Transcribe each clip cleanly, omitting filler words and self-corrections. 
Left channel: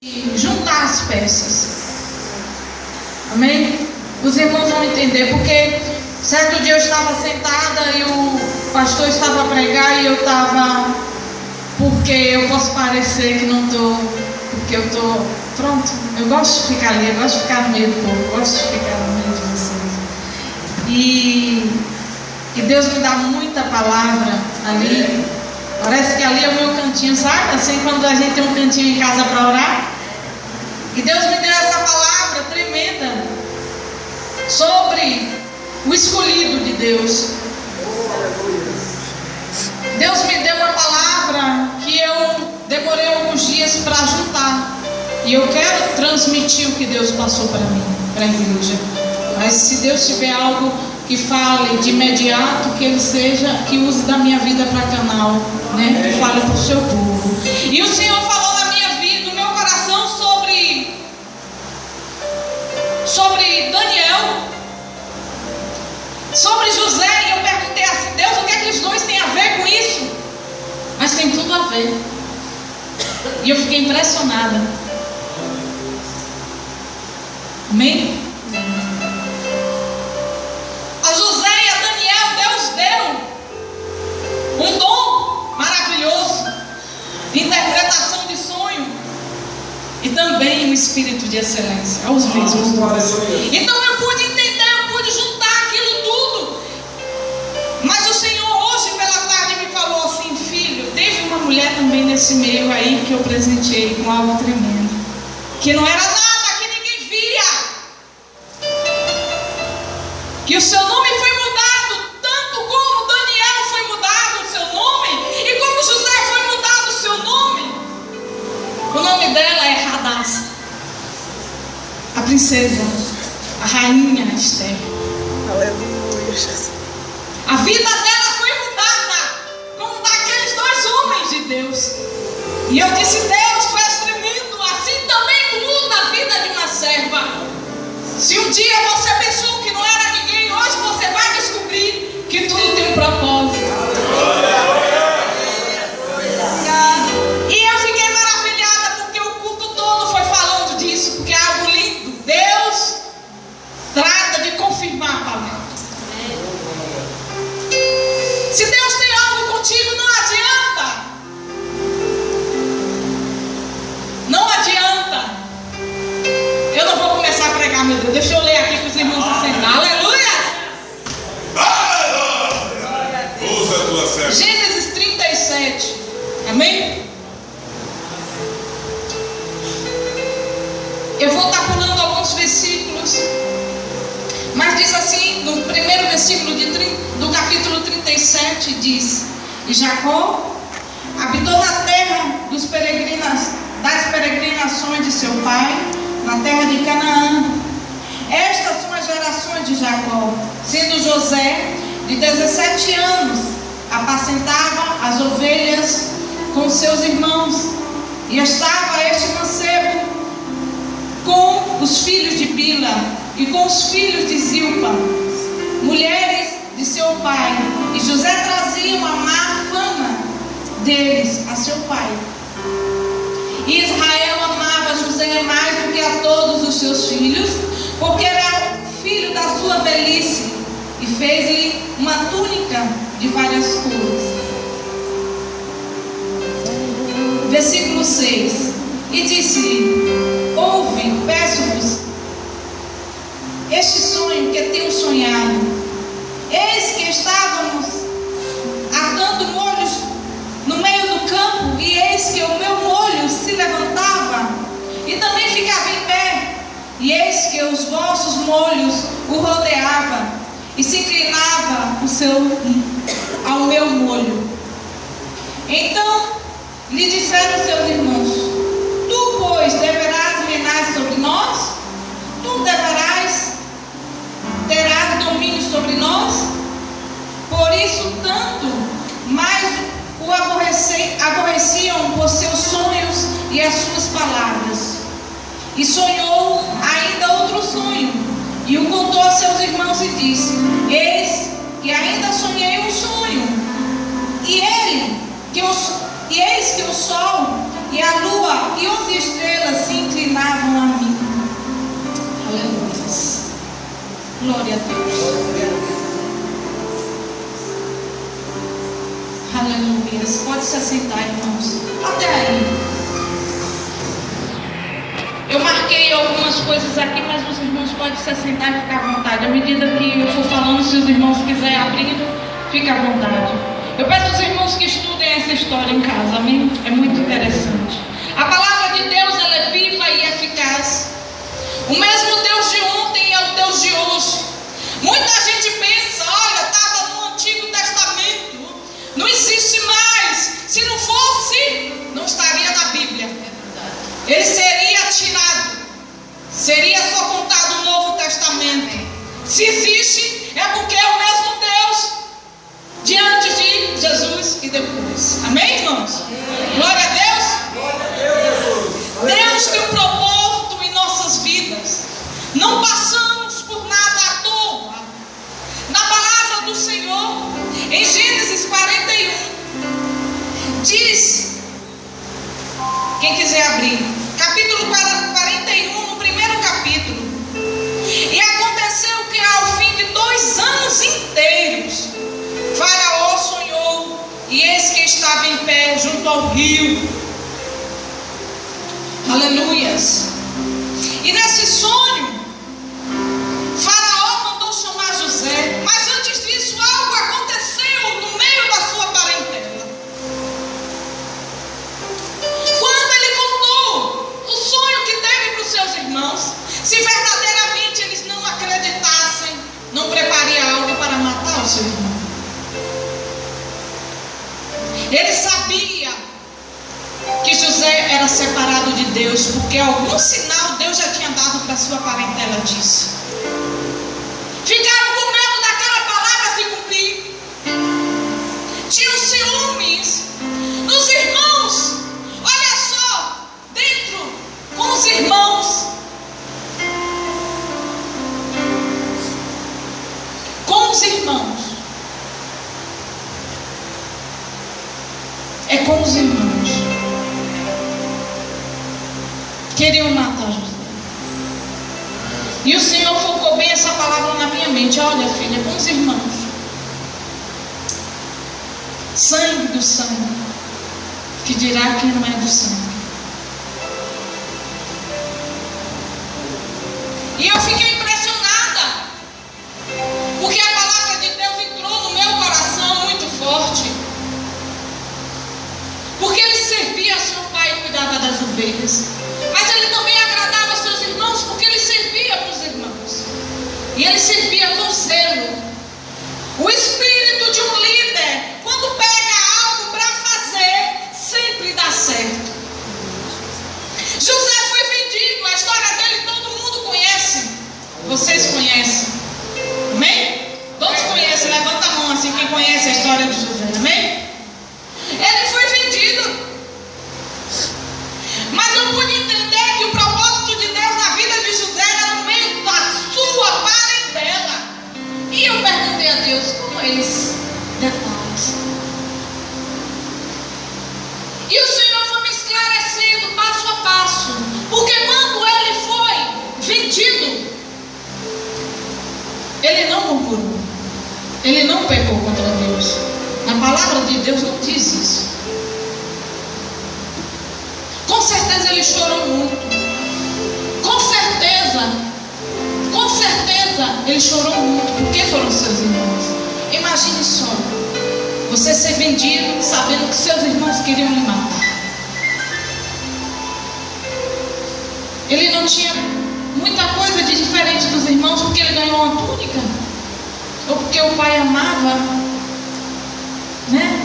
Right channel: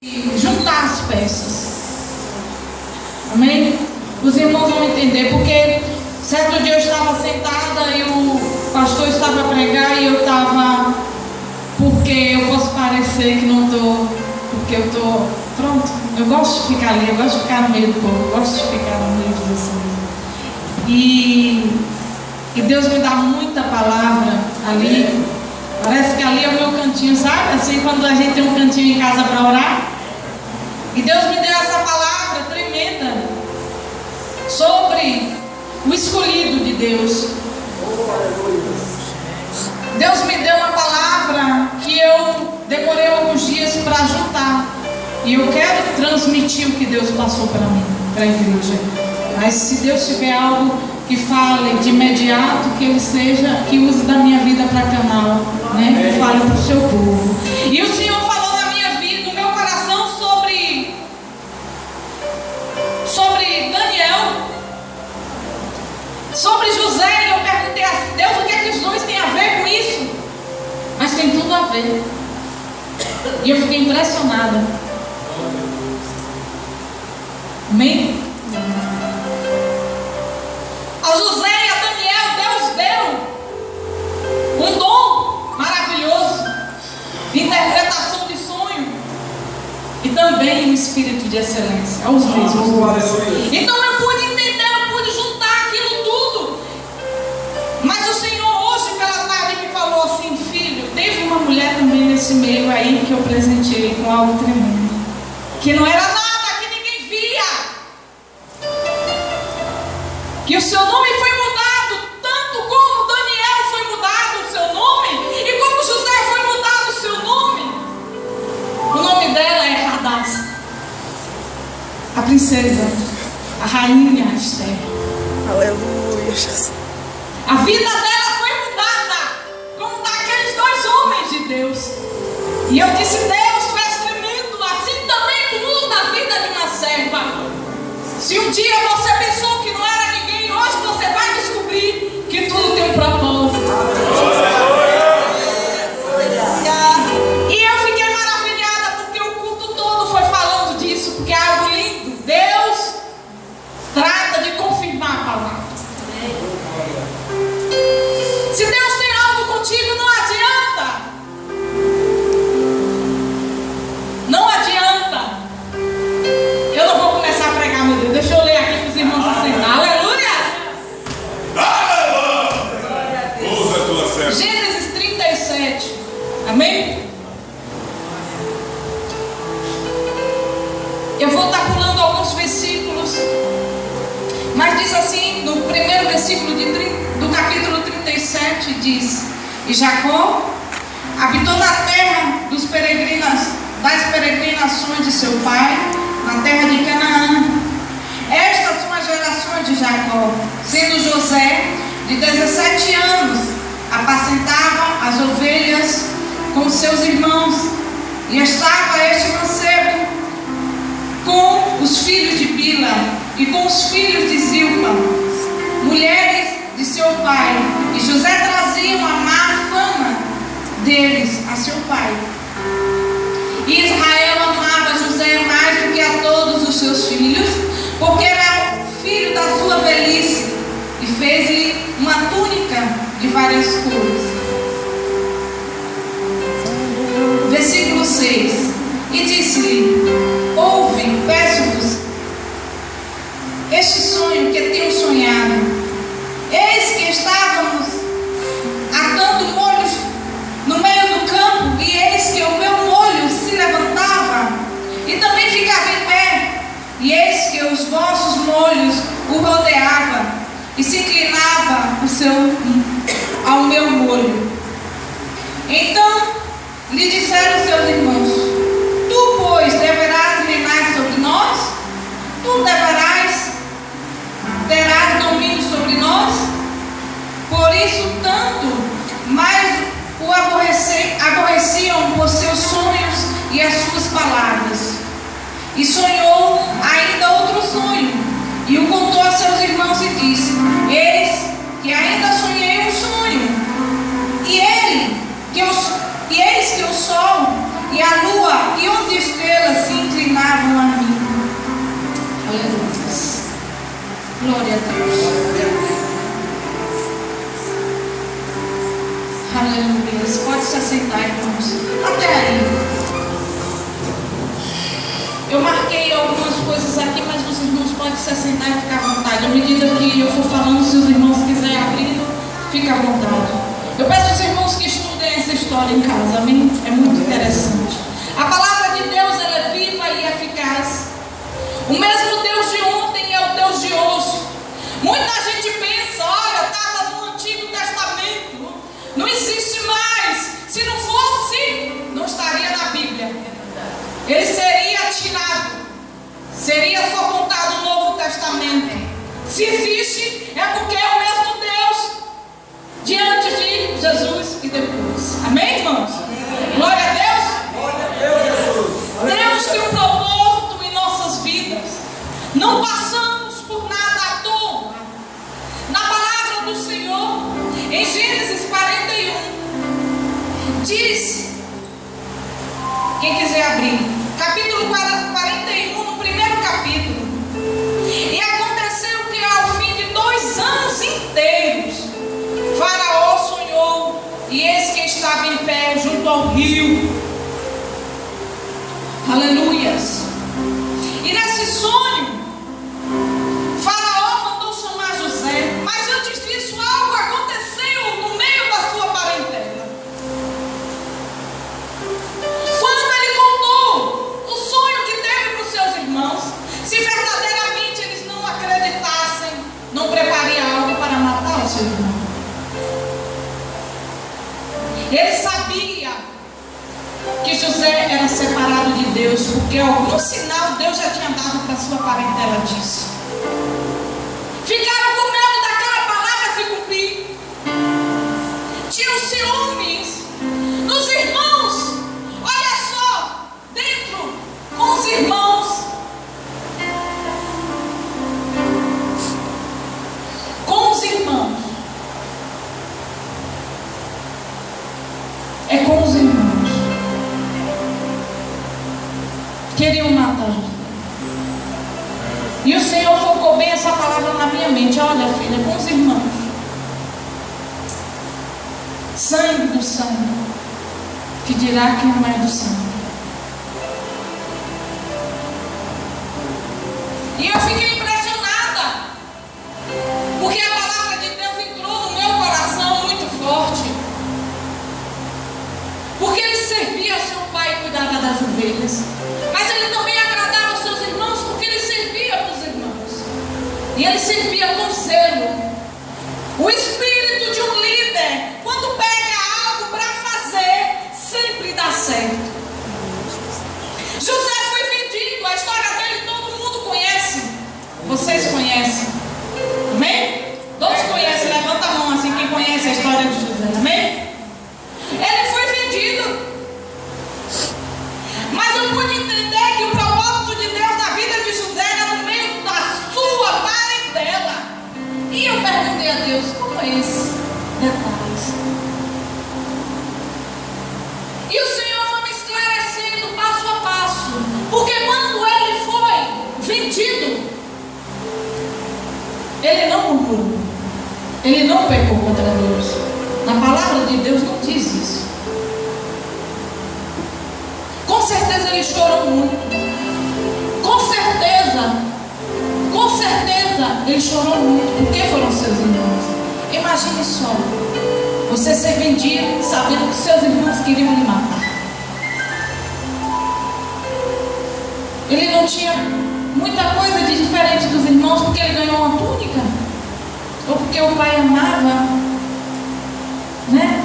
juntar as peças. Amém? Os irmãos vão entender, porque certo dia eu estava sentada e o pastor estava a pregar e eu estava, porque eu posso parecer que não estou, porque eu estou, pronto, eu gosto de ficar ali, eu gosto de ficar no meio do povo, eu gosto de ficar no meio de vocês. E Deus me dá muita palavra ali. Parece que ali é o meu cantinho, sabe? Assim, quando a gente tem um cantinho em casa para orar. E Deus me deu essa palavra tremenda sobre o escolhido de Deus. Deus me deu uma palavra que eu demorei alguns dias para juntar. E eu quero transmitir o que Deus passou para mim, para a igreja. Mas se Deus tiver algo que fale de imediato, que Ele seja, que use da minha vida para canal, né? Que fale para o seu povo. E o Senhor falou na minha vida, no meu coração, sobre Daniel, sobre José. E eu perguntei assim: Deus, o que é que os dois têm a ver com isso? Mas tem tudo a ver. E eu fiquei impressionada. Amém? A José e a Daniel, Deus deu um dom maravilhoso de interpretação de sonho e também um espírito de excelência aos mesmos. Então eu pude entender, eu pude juntar aquilo tudo. Mas o Senhor hoje pela tarde me falou assim: filho, teve uma mulher também nesse meio aí que eu presenteei com algo tremendo, que não era nada, que o seu nome foi mudado, tanto como Daniel foi mudado o seu nome, e como José foi mudado o seu nome. O nome dela é Hadassah, a princesa, a rainha Esther. Aleluia, Jesus. A vida dela foi mudada, como daqueles dois homens de Deus. E eu disse: Deus, tu és tremendo, assim também tu muda a vida de uma serva. Se um dia você pensou que não era ninguém, hoje você vai descobrir que tudo tem um propósito. E eu fiquei maravilhada, porque o culto todo foi falando disso, porque é algo lindo. Deus trata de confirmar a palavra. Se Deus tem algo contigo, não adianta. Não adianta. Eu não vou começar a pregar, meu Deus. Deixa eu ler aqui para os irmãos se sentar. Aleluia! Aleluia! Usa a tua serva. Gênesis 37. Amém? Eu vou estar pulando alguns versículos. Mas diz assim, no primeiro versículo do capítulo 37, diz: E Jacó habitou na terra das peregrinações de seu pai, na terra de Canaã. Estas são as gerações de Jacó, sendo José de 17 anos, apacentava as ovelhas com seus irmãos, e estava este mancebo com os filhos de Bila e com os filhos de Zilpa, mulheres de seu pai, e José trazia uma má fama deles a seu pai. E Israel amava José mais do que a todos os seus filhos, porque era filho da sua velhice, e fez-lhe uma túnica de várias cores. Versículo 6. E disse-lhe: ouve, peço-vos, este sonho que tenho sonhado. Eis que estávamos atando molhos no meio do campo, e eis que o meu molho se levantava e também ficava em pé, e eis que os vossos molhos o rodeavam e se inclinava ao meu molho. Então lhe disseram seus irmãos: tu, pois, deverás reinar sobre nós? Tu terás domínio sobre nós? Por isso tanto mais o aborreciam por seus sonhos e as suas palavras. E sonhou ainda outro sonho, e o contou a seus irmãos e disse: eis que ainda sonhei um sonho, e eis que o sol e a lua e 11 estrelas se Glória a Deus. Aleluia. Pode se assentar, irmãos. Até aí. Eu marquei algumas coisas aqui, mas os irmãos podem se assentar e ficar à vontade. À medida que eu for falando, se os irmãos quiserem abrir, fica à vontade. Eu peço aos irmãos que estudem essa história em casa, amém? É muito interessante. A palavra de Deus, ela é viva e eficaz. O mesmo Deus de ontem é o Deus de hoje. Muita gente pensa, olha, estava no Antigo Testamento, não existe mais. Se não fosse, não estaria na Bíblia. Ele seria tirado. Seria só contado o Novo Testamento. Se existe, é porque é o mesmo Deus diante de Jesus e depois. Amém, irmãos? Glória a Deus. Deus tem um propósito em nossas vidas. Não passamos por nada à toa. Na palavra do Senhor, em Gênesis 41, diz, quem quiser abrir, capítulo 41, no primeiro capítulo. E aconteceu que ao fim de 2 anos inteiros, Faraó sonhou, e eis que estava em pé junto ao rio. Aleluias. E nesse sonho, Faraó mandou chamar José. Mas antes disso, algo aconteceu no meio da sua parentela. Quando ele contou o sonho que teve para os seus irmãos, se verdadeiramente eles não acreditassem, não prepare algo para matar o seu irmão. Ele sabia que José era separado de Deus, porque algum sinal Deus já tinha dado para sua parentela disso. Ficaram com medo daquela palavra se cumprir. Tinham ciúmes nos irmãos. Olha só, dentro com os irmãos. Com os irmãos. É com os irmãos. Queriam matar José. E o Senhor focou bem essa palavra na minha mente. Olha, filha, com os irmãos. Sangue do sangue, que dirá quem não é do sangue. E eu fiquei impressionada, porque a palavra de Deus entrou no meu coração muito forte. Porque ele servia a seu pai e cuidava das ovelhas. Mas ele também agradava aos seus irmãos, porque ele servia para os irmãos. E ele servia com zelo. O espírito de um líder, quando pega algo para fazer, sempre dá certo. José foi vendido, a história dele todo mundo conhece. Vocês conhecem? Amém? Todos conhecem, levanta a mão assim, quem conhece a história de José, amém? Ele foi vendido. Mas eu pude entender que o propósito de Deus na vida de José era no meio da sua parentela. E eu perguntei a Deus, como é esse detalhes? E o Senhor foi me esclarecendo passo a passo. Porque quando ele foi vendido, ele não murmurou. Ele não pecou contra Deus. Na palavra de Deus não diz isso. Com certeza ele chorou muito. Com certeza ele chorou muito, porque foram seus irmãos. Imagine só, você ser vendido sabendo que seus irmãos queriam lhe matar. Ele não tinha muita coisa de diferente dos irmãos, porque ele ganhou uma túnica, ou porque o pai amava, né?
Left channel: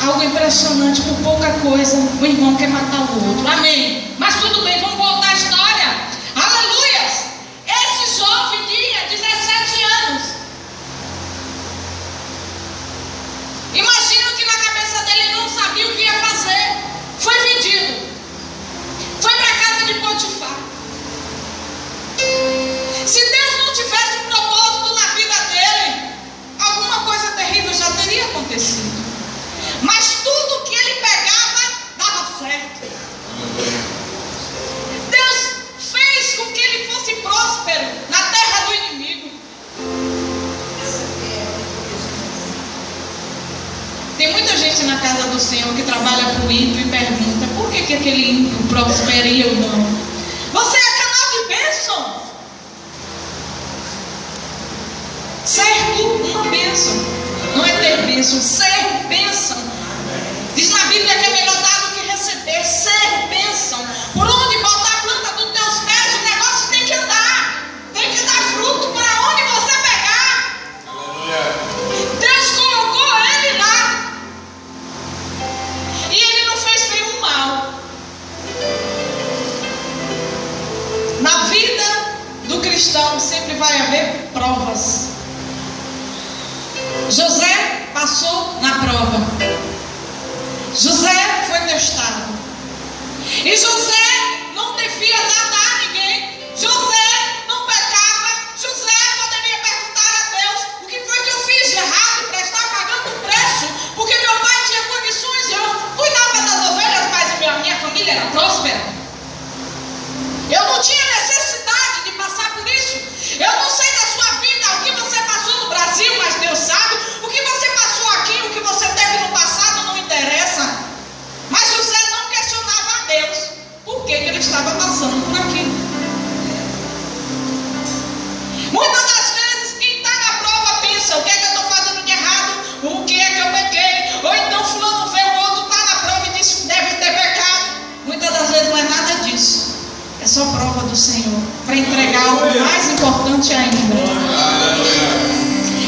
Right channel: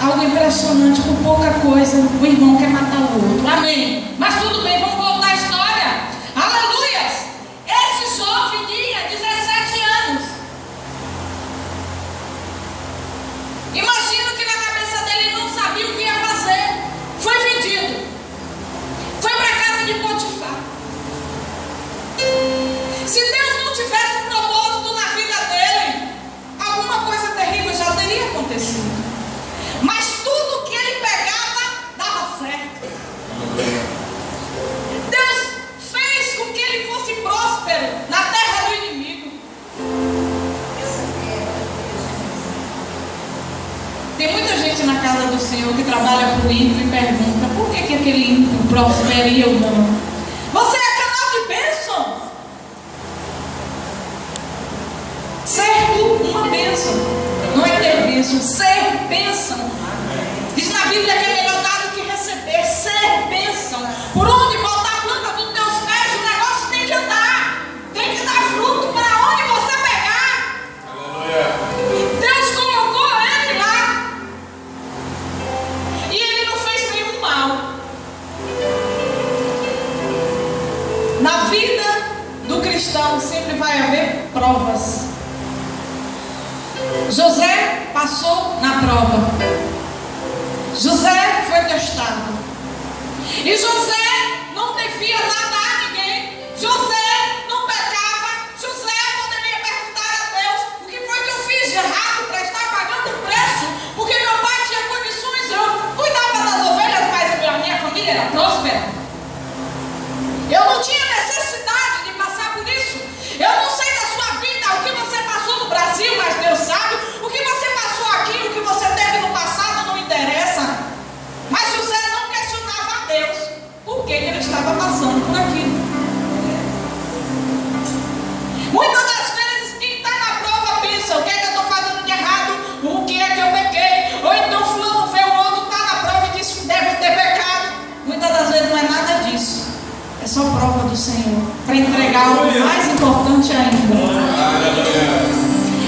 Algo impressionante, por pouca coisa, o irmão quer matar o outro. Amém. Mas tudo bem, vamos voltar à história. Aleluias. Esse jovem tinha 17 anos. Imagino que na cabeça dele não sabia o que ia fazer. Foi vendido. Foi para a casa de Potifar. Se Deus não tivesse um propósito na vida dele, alguma coisa terrível já teria acontecido. Mas tudo que ele pegava dava certo. Deus fez com que ele fosse próspero na terra do inimigo. Senhor que trabalha para o ímpio e pergunta: por que aquele ímpio prospera e eu não? Você é canal de bênção. Ser uma bênção. Não é ter bênção, ser bênção. Diz na Bíblia que é melhor dar do que receber. Ser bênção. Por onde botar a planta dos teus pés, o negócio tem que andar. Tem que dar fruto para onde você pegar. Aleluia. Deus colocou ele lá. E ele não fez nenhum mal. Na vida do cristão sempre vai haver provas. José passou na prova. José foi testado. E José não devia nada a ninguém. José não pecava. José poderia perguntar a Deus: o que foi que eu fiz de errado para estar pagando o preço? Porque meu pai tinha condições, eu cuidava das ovelhas, mas a minha família era próspera. Eu não tinha necessidade de passar por isso. Eu não sei da sua vida, o que você passou no Brasil, mas Deus sabe. O que você passou aqui, o que você teve no passado não interessa. Mas José não questionava a Deus por que ele estava passando por aquilo. Muitas das vezes quem está na prova pensa: o que é que eu estou fazendo de errado? O que é que eu pequei? Ou então fulano vê o outro, está na prova e diz que deve ter pecado. Muitas das vezes não é nada disso. É só prova do Senhor para entregar algo mais importante ainda.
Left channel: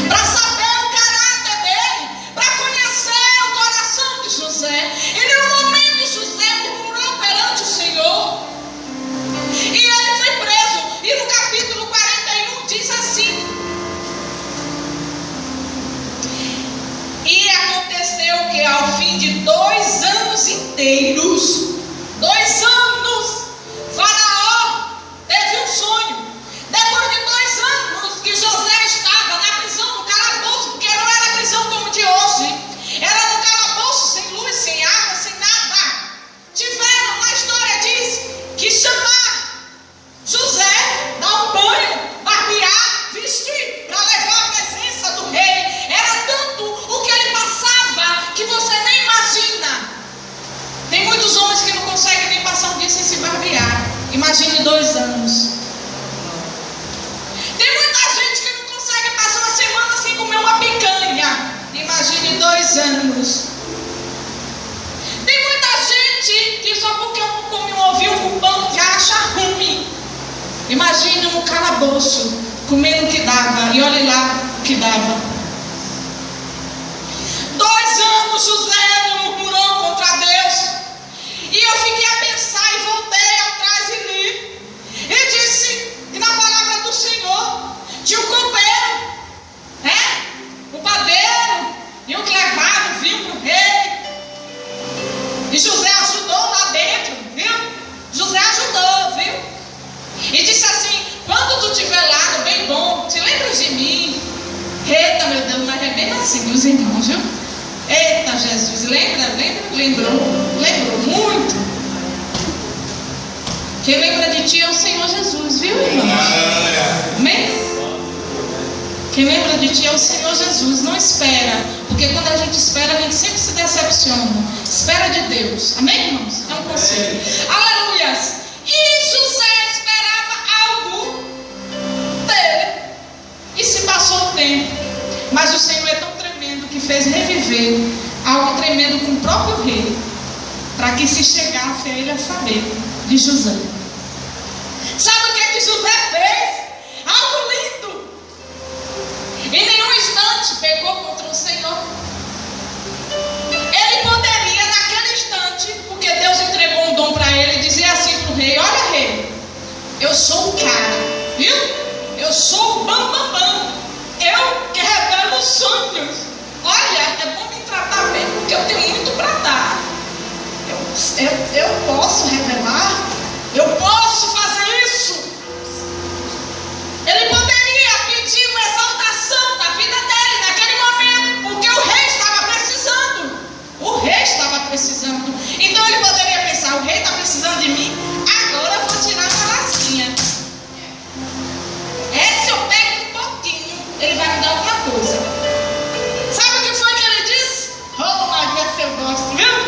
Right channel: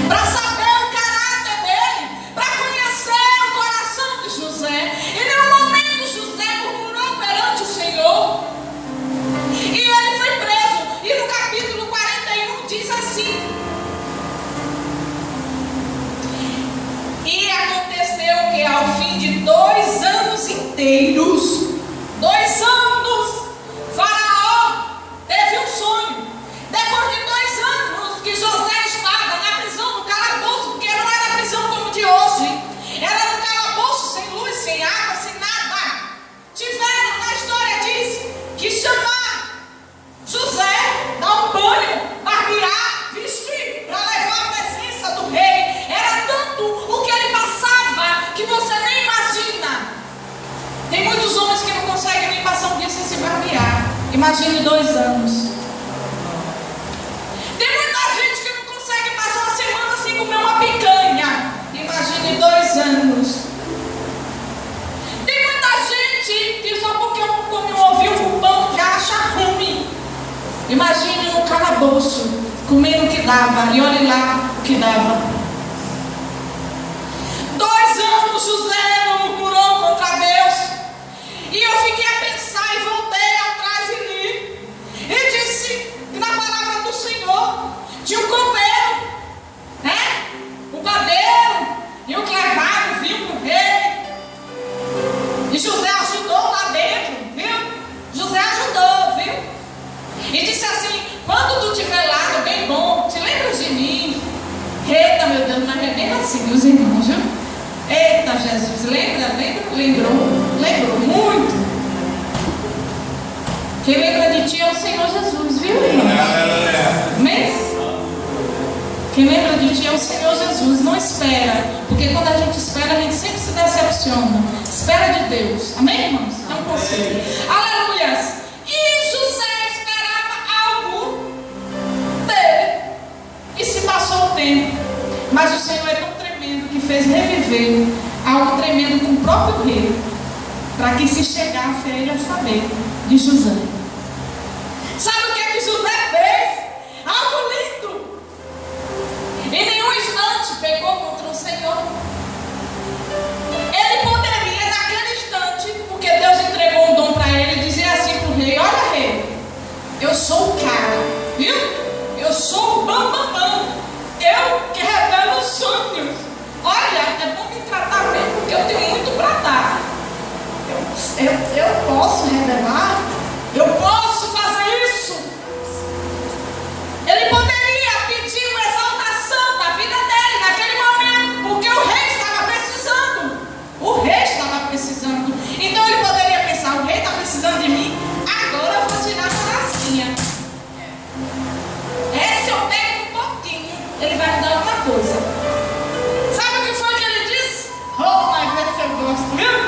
Para saber o caráter dele, para conhecer o coração de José. E em um momento José murmurou perante o Senhor. E ele foi preso. E no capítulo 41 diz assim: e aconteceu que ao fim de 2 anos inteiros, 2 anos, Faraó teve um sonho. Depois de 2 anos que José estava na prisão, no calabouço, porque não era prisão como de hoje, era no calabouço, sem luz, sem água, sem nada. Tiveram, na história diz, que chamar José, dar um banho, barbear, vestir, para levar a presença do rei. Era tanto o que ele passava que você nem imagina. Tem muitos homens que não conseguem nem passar um dia sem se barbear. Imagine 2 anos. Tem muita gente que não consegue passar uma semana sem comer uma picanha. Imagine 2 anos. Tem muita gente que só porque eu não come um ovinho com pão já acha ruim. Imagine no calabouço, comendo o que dava. E olhe lá o que dava. 2 anos José não murmurou contra Deus. E eu fiquei a pensar e voltei atrás e li. E disse que na palavra do Senhor tinha um copeiro, né? O padeiro e o que levava vinho para o rei. E José ajudou lá dentro, viu? José ajudou, viu? E disse assim: quando tu estiver lá, bem bom, te lembras de mim? Eita, meu Deus, mas é bem assim, os irmãos, viu? Eita, Jesus, lembrou muito. Quem lembra de ti é o Senhor Jesus, viu, irmão? Amém? Quem lembra de ti é o Senhor Jesus. Não espera, porque quando a gente espera, a gente sempre se decepciona. Espera de Deus, amém, irmãos? É um conselho. Aleluias. E José esperava algo dele, e se passou o tempo. Mas o Senhor é tão tremendo que fez reviver algo tremendo com o próprio rei, para que se chegasse a ele a saber de José. Sabe o que José fez? Algo lindo. Em nenhum instante pecou contra o Senhor. Ele poderia, naquele instante, porque Deus entregou um dom para ele, dizer assim para o rei: olha, rei, eu sou o cara, viu? Eu sou o bambambam. Eu que revelo os sonhos. Olha, é bom me tratar bem, porque eu tenho muito para dar. Eu posso revelar, eu posso fazer isso. Ele poderia pedir uma exaltação da vida dele naquele momento, porque o rei estava precisando. O rei estava precisando. Então ele poderia pensar: o rei está precisando de mim, agora eu vou tirar uma lasquinha. Esse eu pego um pouquinho, ele vai me dar outra coisa. Sabe o que foi que ele disse? Oh, mas essa eu gosto, viu?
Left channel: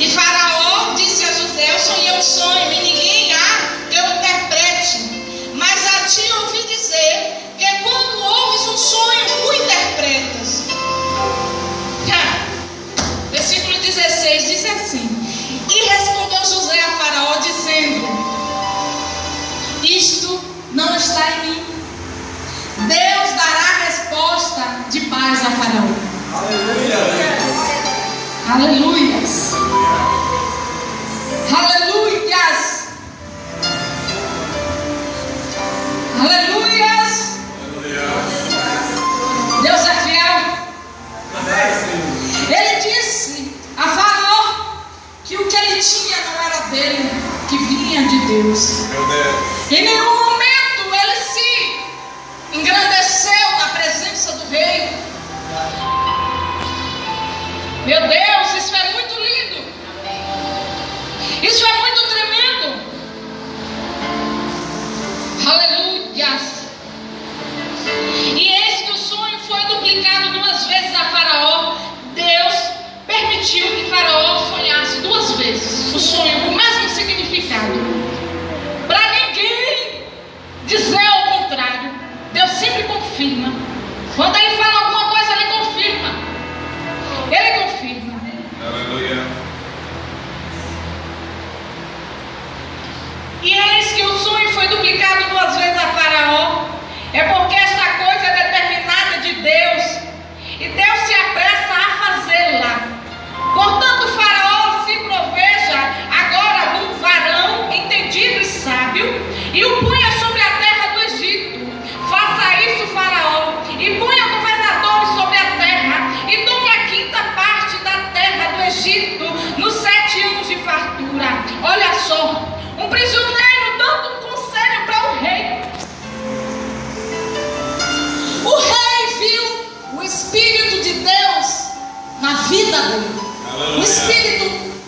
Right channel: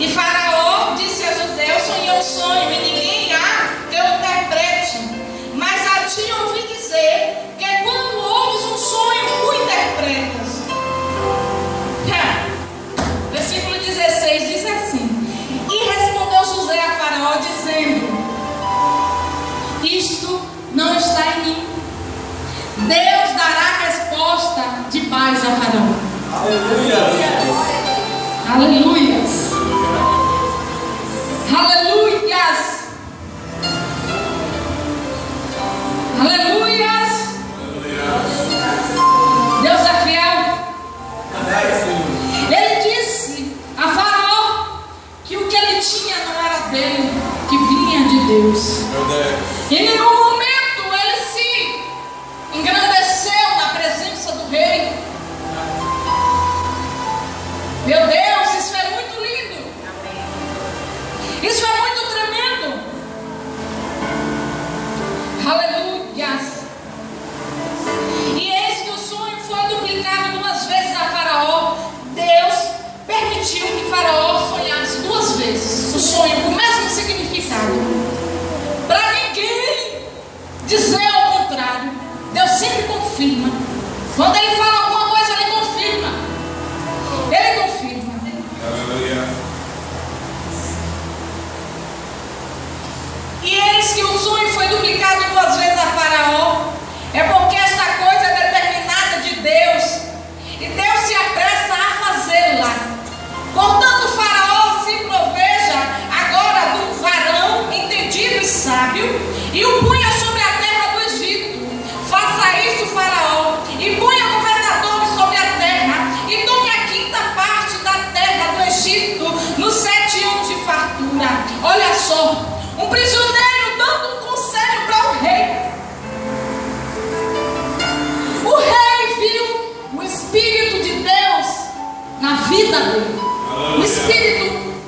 E Faraó disse a José: eu sonhei um sonho e ninguém há que eu interprete. Mas a ti ouvi dizer que quando ouves um sonho, o interpretas. Versículo 16 diz assim: e respondeu José a Faraó dizendo: isto não está em mim. Deus dará resposta de paz a Faraó. Aleluias. Aleluias. Aleluias. Deus é fiel. Ele disse a Faraó que o que ele tinha não era dele, que vinha de Deus. Em nenhum momento ele se engrandeceu na presença do rei. Meu Deus, isso é muito lindo. Isso é muito tremendo. Aleluia. E eis que o sonho foi duplicado 2 vezes a Faraó. Deus permitiu que Faraó sonhasse 2 vezes o sonho com o mesmo significado, para ninguém dizer ao contrário. Deus sempre confirma. Quando ele fala alguma coisa, ele confirma. Ele confirma. Aleluia. E eis que o sonho foi duplicado 2 vezes a Faraó. É porque esta coisa é determinada de Deus, e Deus se apressa a fazê-la. Portanto, Faraó se proveja agora do varão entendido e sábio, e o punha sobre a terra do Egito. Faça isso, Faraó, e punha governadores sobre a terra, e tome a 5ª parte da terra do Egito nos 7 anos de fartura. Olha só, um prisioneiro dando um conselho para o rei. O rei viu o Espírito de Deus na vida dele. O Espírito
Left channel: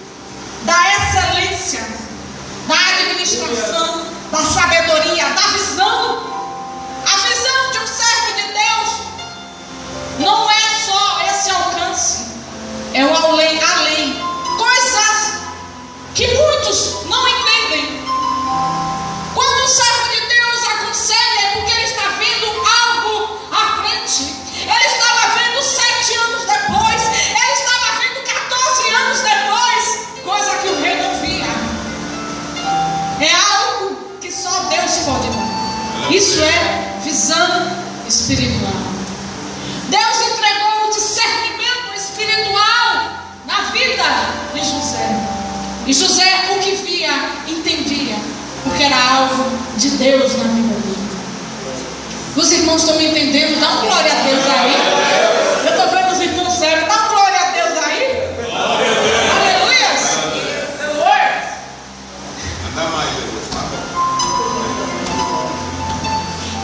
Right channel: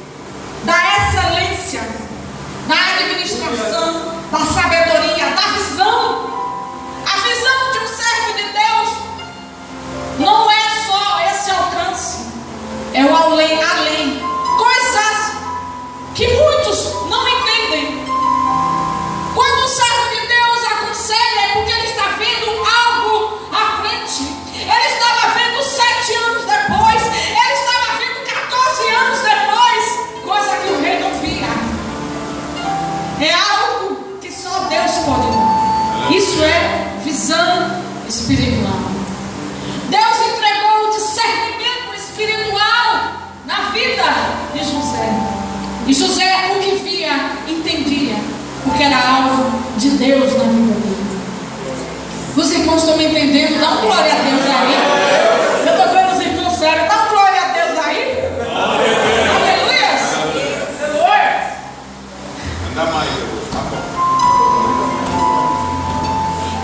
da excelência, da administração, da sabedoria, da visão. A visão de um servo de Deus não é só esse alcance, é o além. Coisas que muitos não entendem. Quando um servo de Deus aconselha, é porque ele está vendo algo à frente. Ele estava vendo 7 anos depois, ele estava vendo 14 anos depois, coisa que o rei não via. É algo que só Deus pode dar. Isso é visão espiritual. Deus entregou o discernimento espiritual na vida de José. E José, o que via, entendia, porque era algo de Deus na vida dele. Os irmãos estão me entendendo? Dá uma glória a Deus aí. Eu estou vendo os irmãos sérios. Dá uma glória a Deus aí. Aleluia. Anda mais, Jesus, tá bom.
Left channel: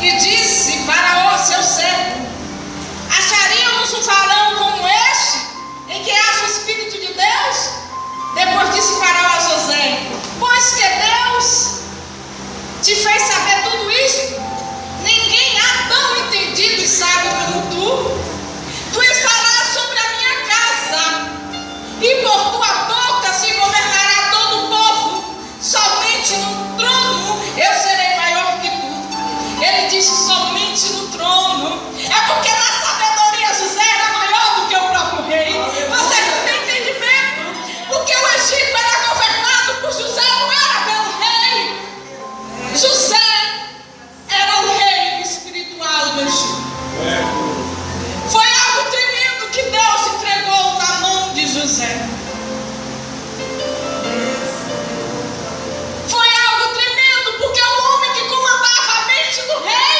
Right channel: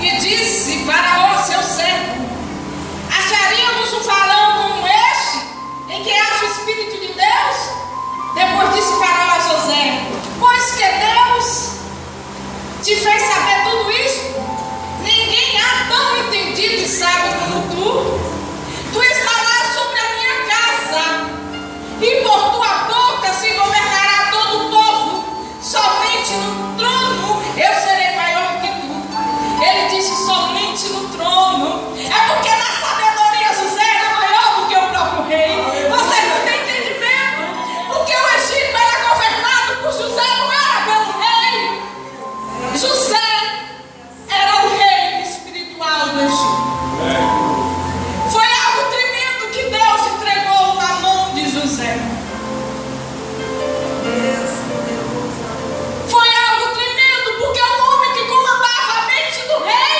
E disse Faraó, seu servo: acharíamos um varão como este, em que acha o Espírito de Deus? Depois disse Faraó a José: pois que Deus te fez saber tudo isso? Ninguém há tão entendido e sábio como tu. Tu estarás sobre a minha casa, e por tua boca se governará todo o povo. Somente no trono eu serei maior que tu. Ele disse: somente no trono. É porque na sabedoria José era maior do que o próprio rei. Você não tem entendimento. Porque o Egito era governado por José, não era pelo rei. José era o rei espiritual do Egito. Foi algo tremendo que Deus entregou na mão de José. Foi algo tremendo, porque o homem que comandava a mente do rei,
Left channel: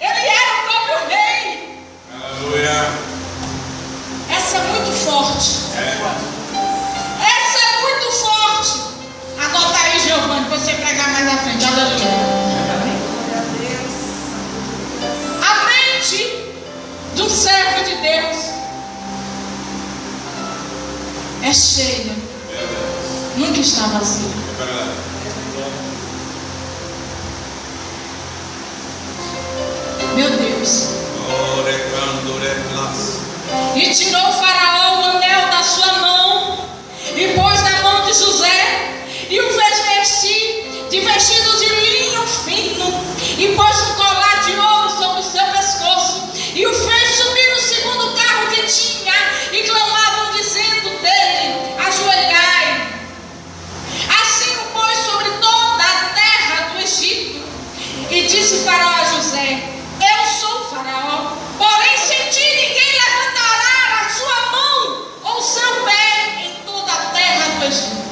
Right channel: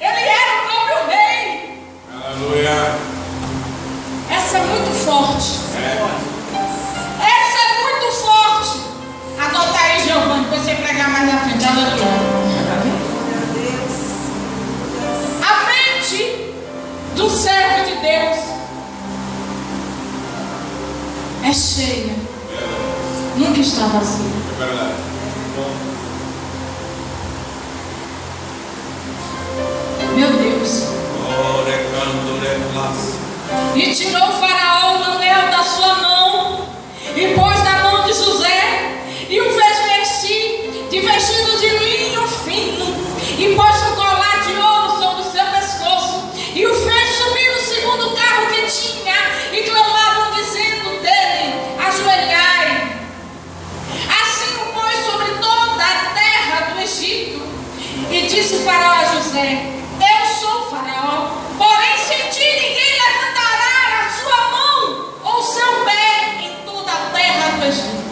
ele era o próprio rei. Aleluia. Essa é muito forte. Essa é muito forte. Anota aí, Giovanni, para você pregar mais na frente. Aleluia. A mente do servo de Deus é cheia, nunca está vazia. É verdade. Meu Deus. E tirou o Faraó o anel da sua mão e pôs na José: eu sou o Faraó, porém sem ti ninguém levantará a sua mão ou seu pé em toda a terra do Egito.